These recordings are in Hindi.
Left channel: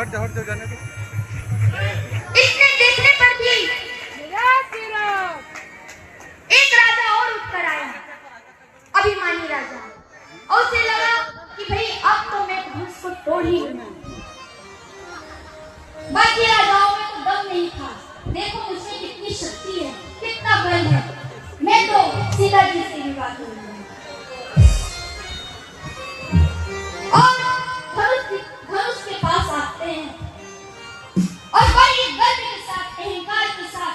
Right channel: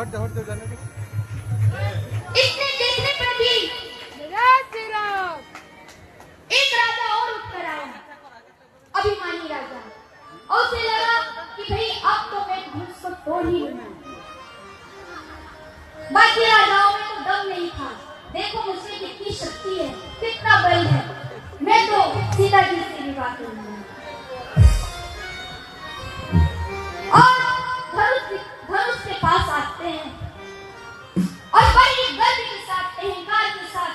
हट जाओ जाने दो। इसने देखने पर भी एक राजा और उठकर आया, अभिमानी राजा, और उसे लगा कि भाई अब तो मैं धनुष को तोड़ ही लूंगा। बाकी राजाओं में तो दम नहीं था। देखो मुझमें कितनी शक्ति है, कितना बल है, मैं तो सीता जी से विवाह करूंगा। और धनुष के पास आते हैं और बड़ी गर्व के साथ, अहंकार के साथ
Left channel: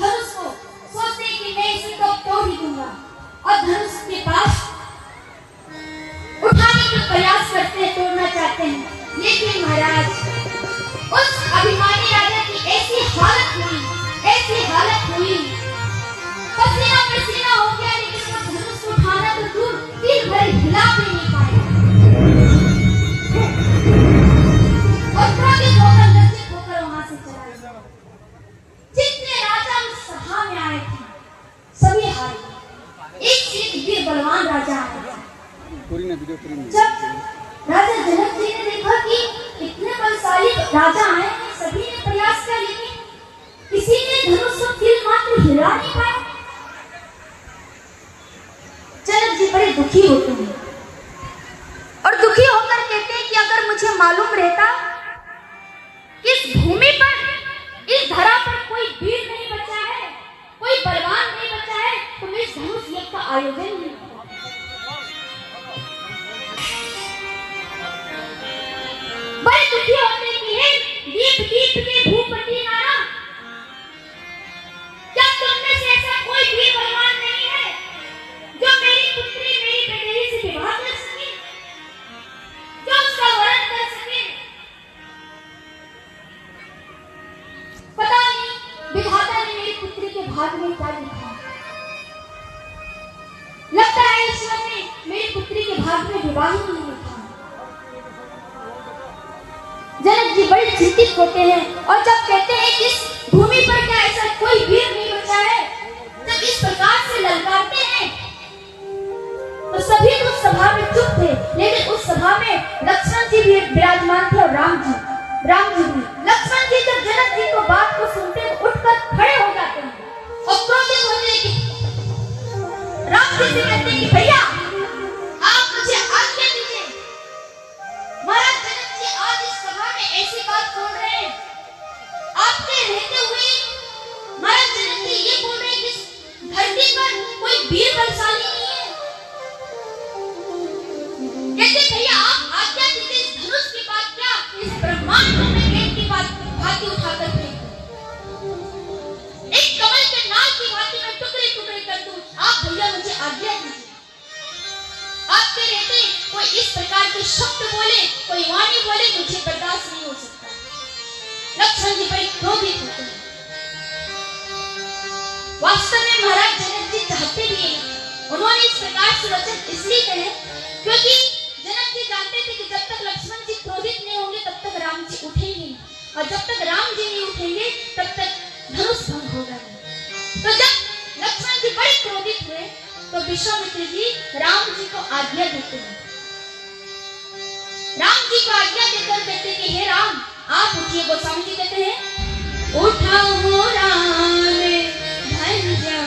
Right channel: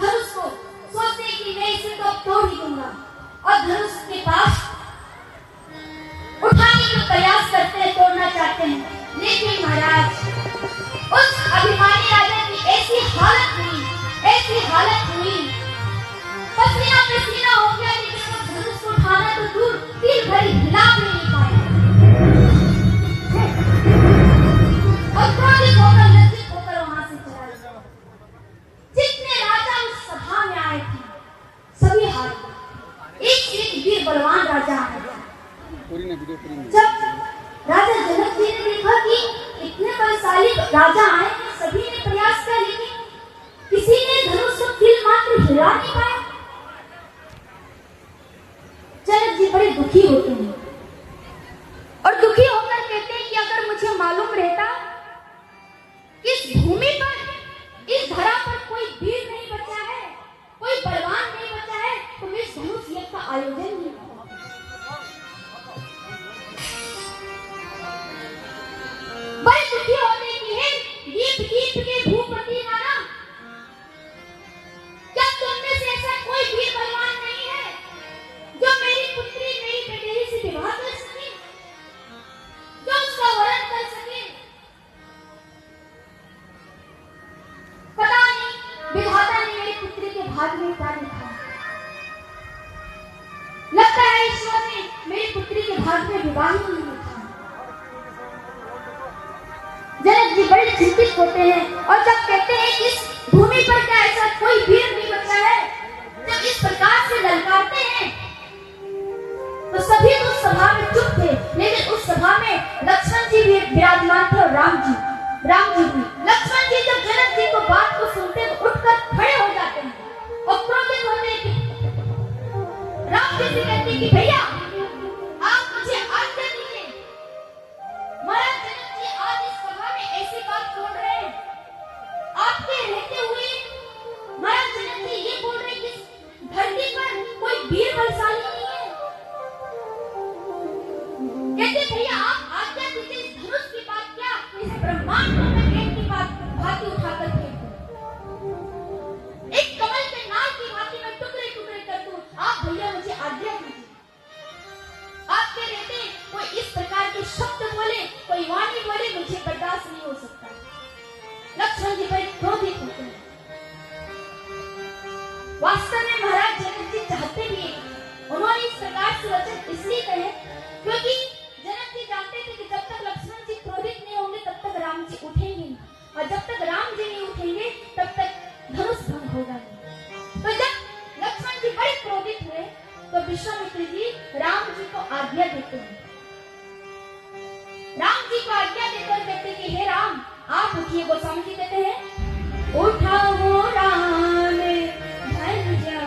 धनुष को सोचते हैं कि मैं इसे तो तोड़ ही दूंगा, और धनुष के पास उठाने का प्रयास करते हैं, तोड़ना चाहते हैं। लेकिन महाराज, उस अभिमानी राजा की ऐसी हालत हुई, पसीना पसीना हो गया, लेकिन वो धनुष को उठाना तो दूर, तीर भर हिला भी नहीं पाया। और क्रोधित होकर, लज्जित होकर वहां से चला गया। जितने राजा उस सभा में आए थे, सभी हार गए। एक से एक वीर बलवान राजा आए। जब राजा जनक जी ने देखा कि इतने बलशाली राजा आए हैं, सभी ने प्रयास किया, लेकिन किसी ने धनुष को तीर मात्र हिला नहीं पाए। जनक जी बड़े दुखी होते हैं और दुखी होकर कहते हैं कि अगर मुझे मालूम रहता कि इस भूमि पर, इस धरा पर कोई वीर नहीं बचा है, कोई बलवान नहीं बचा है, तो मैं इस धनुष यज्ञ का आयोजन नहीं करता। बड़े दुखी होते हैं कि हे दीप दीप के भूपति नारा, क्या तुम में से ऐसा कोई भी बलवान नहीं है जो मेरी पुत्री, मेरी बेटी से विवाह कर सके, जो उसका वरण कर सके? पता नहीं विधाता ने मेरी पुत्री के भाग में क्या लिखा। लगता है ईश्वर ने मेरी पुत्री के भाग में विवाह ही नहीं लिखा। जनक जी बड़े चिंतित होते हैं और जब कहते हैं कि इस भूमि पर क्या ऐसा कोई वीर नहीं बचा है, जब इस प्रकार से ललकारते हैं, तो सभी उस सभा में चुप थे। लेकिन उस सभा में लक्ष्मण जी भी विराजमान थे और राम जी भी। लक्ष्मण जी जब जनक जी को बात को सुनते हैं तो उठकर खड़े हो जाते हैं और क्रोधित होते हैं कि राम जी से कहते हैं कि भैया आप मुझे आज्ञा दीजिए। महाराज जनक जी आज इस सभा में ऐसी बात बोल रहे हैं, आपके रहते हुए महाराज जनक जी ये बोल रहे हैं कि धरती पर कोई वीर बलशाली नहीं है। कहते भैया आप आज्ञा दीजिए, इस धनुष की बात क्या, इस ब्रह्मांड को मैं गेट की बात भांति उठाकर फेंक दूं, एक कमल के नाल की भांति मैं टुकड़े टुकड़े कर दूं। आप भैया मुझे आज्ञा दीजिए। आपके रहते कोई इस प्रकार के शब्द बोले, कोई वाणी बोले, मुझे बर्दाश्त नहीं हो सकता। लक्ष्मण जी बड़े क्रोधित होते हैं। वास्तव में महाराज जनक जी चाहते भी हैं, उन्होंने इस प्रकार से वचन इसलिए कहे क्योंकि जनक जी जानते थे कि जब तक लक्ष्मण जी क्रोधित नहीं होंगे तब तक राम जी उठेंगे नहीं, और जब तक राम जी नहीं उठेंगे तब तक धनुष भंग होगा नहीं। तो जब लक्ष्मण जी बड़े क्रोधित हुए तो विश्वामित्र जी राम जी को आज्ञा देते हैं। राम जी को आज्ञा देकर कहते हैं कि हे राम आप उठिए। गोस्वामी जी कहते हैं उठाओ राम भंजा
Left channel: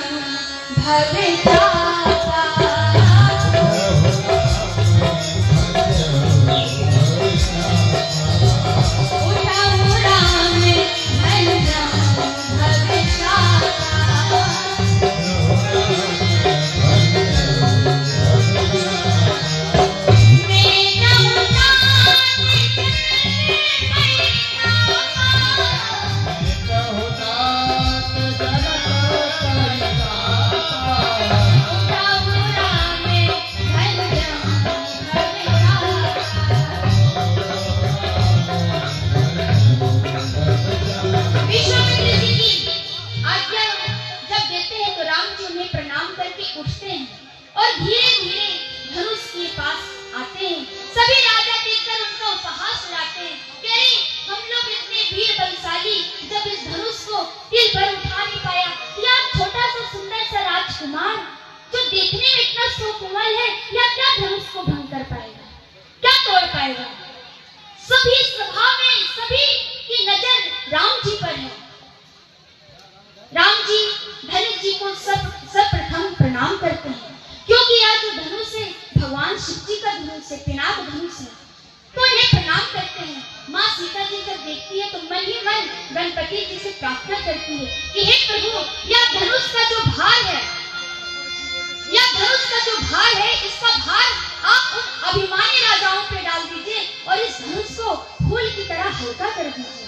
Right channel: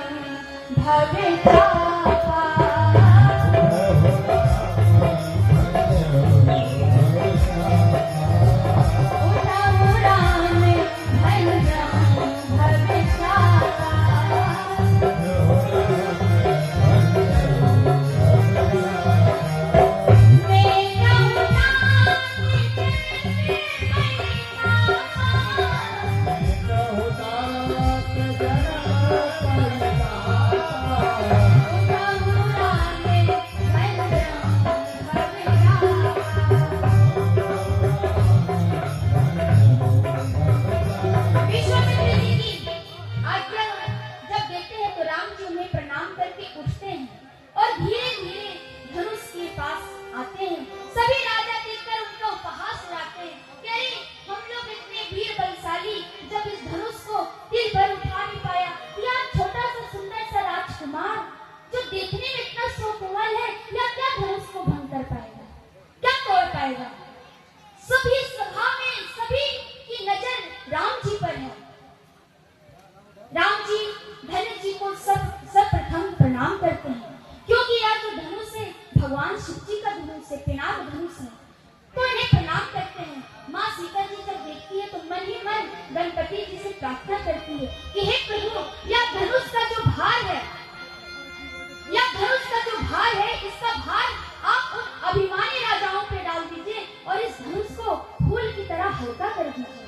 भगता राम जी पर है। राम जी धनुष जी को सर्वप्रथम प्रणाम करते हैं, क्योंकि यह जो धनुष है भगवान शिव जी का धनुष है, पिनाक धनुष है, तो इन्हें प्रणाम करते हैं। माँ सीता जी जब देखती है तो मन ही मन गणपति जी से प्रार्थना करती है कि हे प्रभु, यह धनुष का जो भार है, यह धनुष का जो भार है, इसका भार आप उन अभिमानी राजाओं पे डाल दीजिए और इस धनुष को फूल की तरह हल्का कर दीजिए।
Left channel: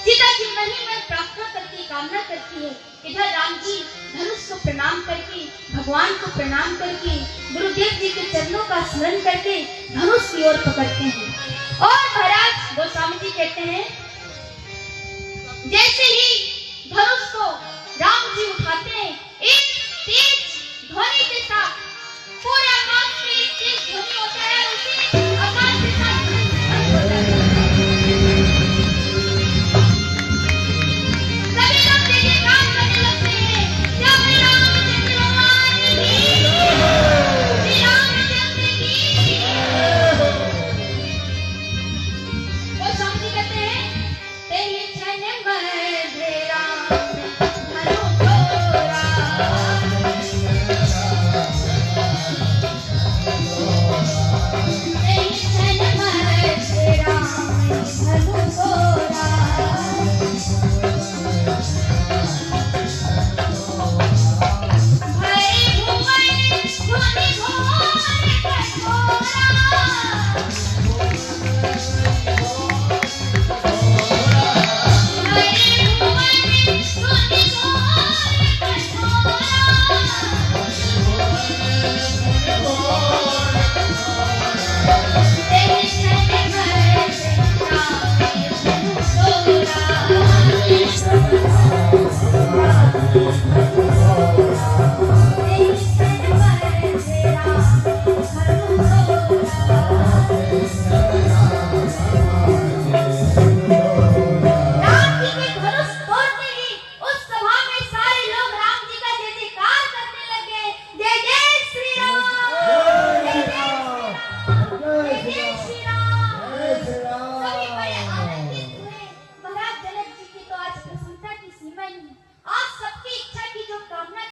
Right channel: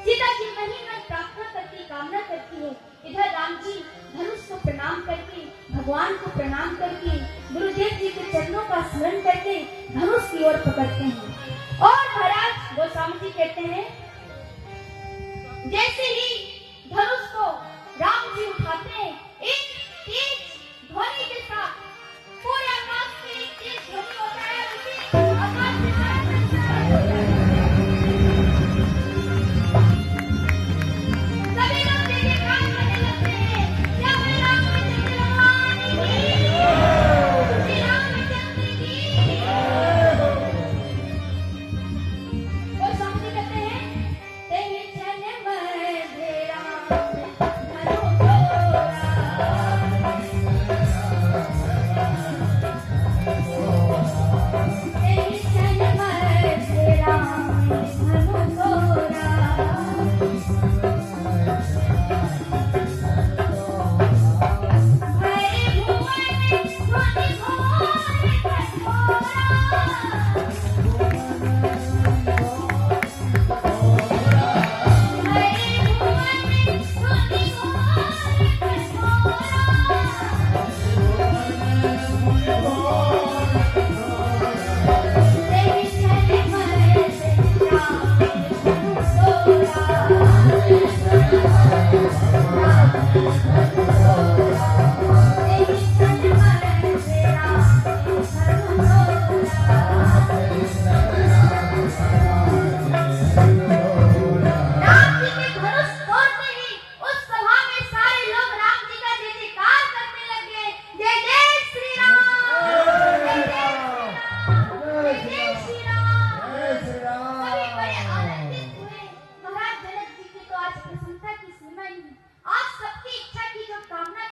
सीता जी मन ही मन प्रार्थना करती, कामना करती है। इधर राम जी धनुष को प्रणाम करके, भगवान को प्रणाम करके, गुरुदेव जी के चरणों का स्मरण करके धनुष की ओर पकड़ते हैं। और महाराज गोस्वामी जी कहते हैं, जैसे ही धनुष को राम जी उठाते